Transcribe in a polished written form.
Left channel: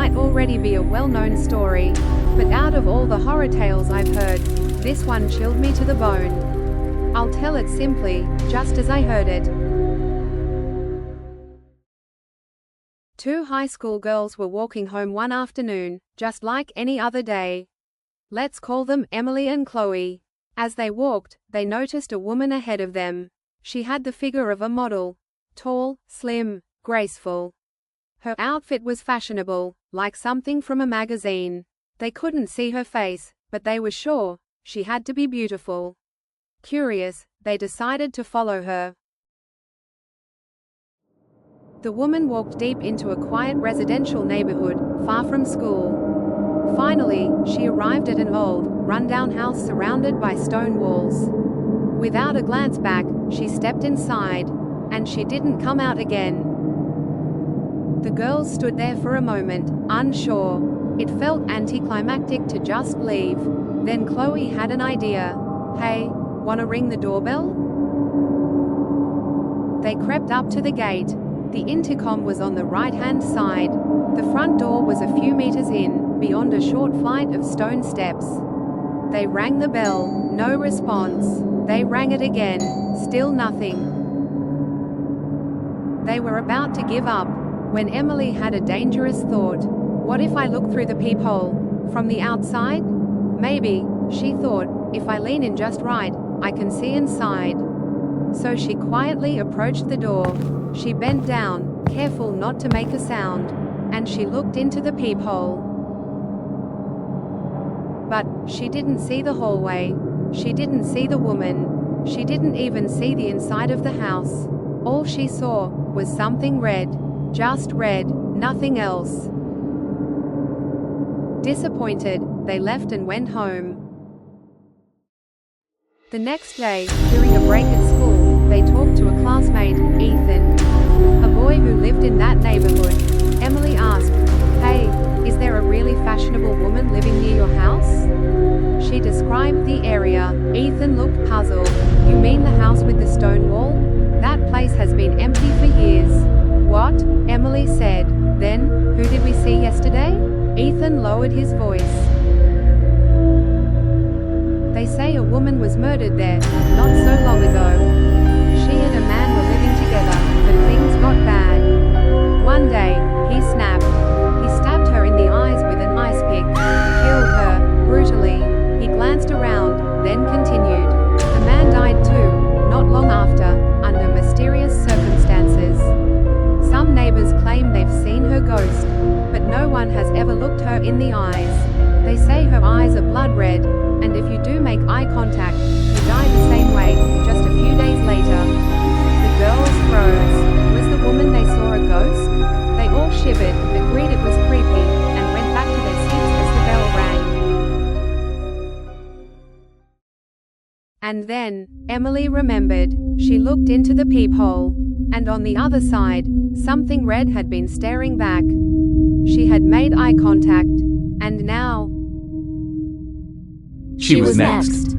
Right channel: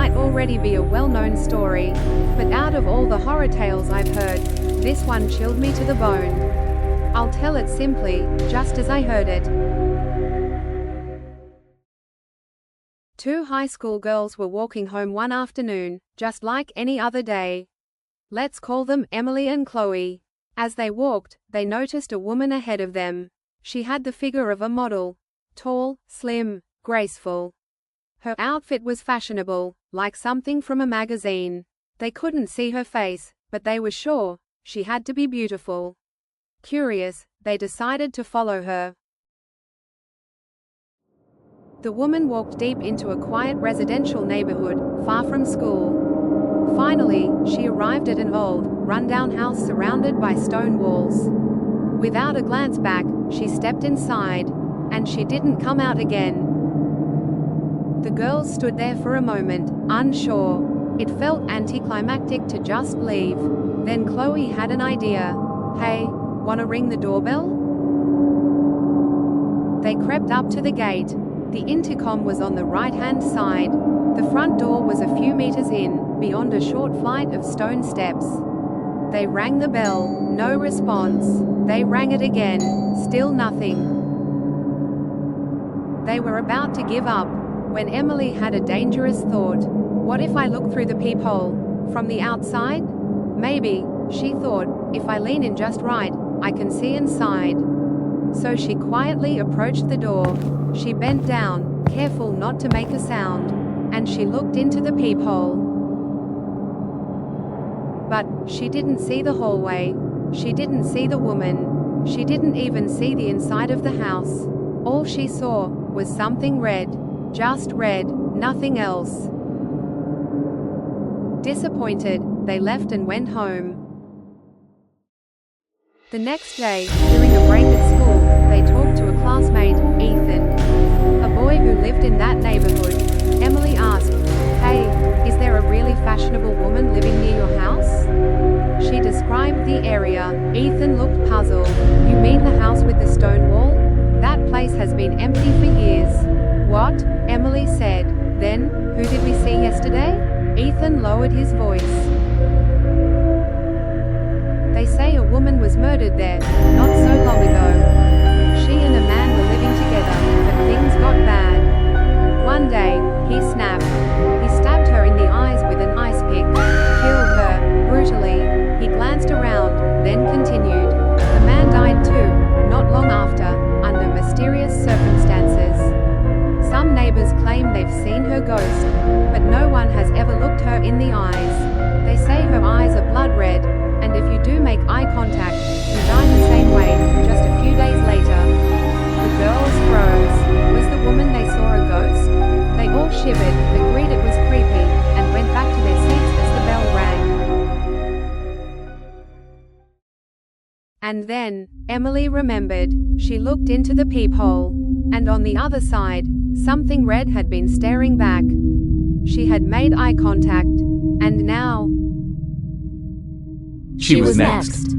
might already be a well-known story, but out of all the horror tales I've heard, this one chilled me to the bone. I'll tell it simply, just as I heard it. Two high school girls were walking home one afternoon, just like any other day. Let's call them Emily and Chloe. As they walked, they noticed a woman ahead of them. She had the figure of a model. Tall, slim, graceful. Her outfit was fashionable, like something from a magazine. They couldn't see her face, but they were sure she had to be beautiful. Curious, they decided to follow her. The woman walked deep into a quiet residential neighborhood, far from school. Finally, she arrived at an old, rundown house surrounded by stone walls. Without a glance back, she stepped inside, and she didn't come out again. The girls stood there for a moment, unsure. It felt anticlimactic to just leave. Then Chloe had an idea. Hey, wanna ring the doorbell? They crept up to the gate. The intercom was on the right-hand side. The front door was a few meters in, beyond a short flight of stone steps. They rang the bell, no response. They rang it again, still nothing. They were about to give up, when Emily had a dangerous thought. What if I look through the peephole? From the outside? Maybe, she thought, if I lean in just right, I can see inside. So she quietly approached the door. She bent down, careful not to make a sound, and she looked into the peephole. But she didn't see the hallway. She didn't see the woman. She didn't even see the inside of the house. All she saw was something red. Just red, nothing else. Disappointed, they left and went home. The next day, during a break at school, they talked to a classmate, Ethan, a boy who lived in that neighborhood. Emily asked, "Hey, is there a really fashionable woman living near your house?" She described the area. Ethan looked puzzled. "You mean the house with the stone wall? That place has been empty for years." "What?" Emily said. "Then, who did we see yesterday?" Ethan lowered his voice. "They say a woman was murdered there, not so long ago. She and a man were living together, but things got bad. One day, he snapped. He stabbed her in the eyes with an ice pick. Killed her, brutally." He glanced around, then continued. "The man died too, not long after, under mysterious circumstances. Some neighbors claim they've seen her ghost, but no one has ever looked her in the eyes. They say her eyes are blood red, and if you do make eye contact, you die the same way, just a few days later." The girls froze. Was the woman they saw a ghost? They all shivered, agreed it was creepy, and went back to their seats as the bell rang. And then, Emily remembered. She looked into the peephole. And on the other side, something red had been staring back. She had made eye contact. And now, she was next.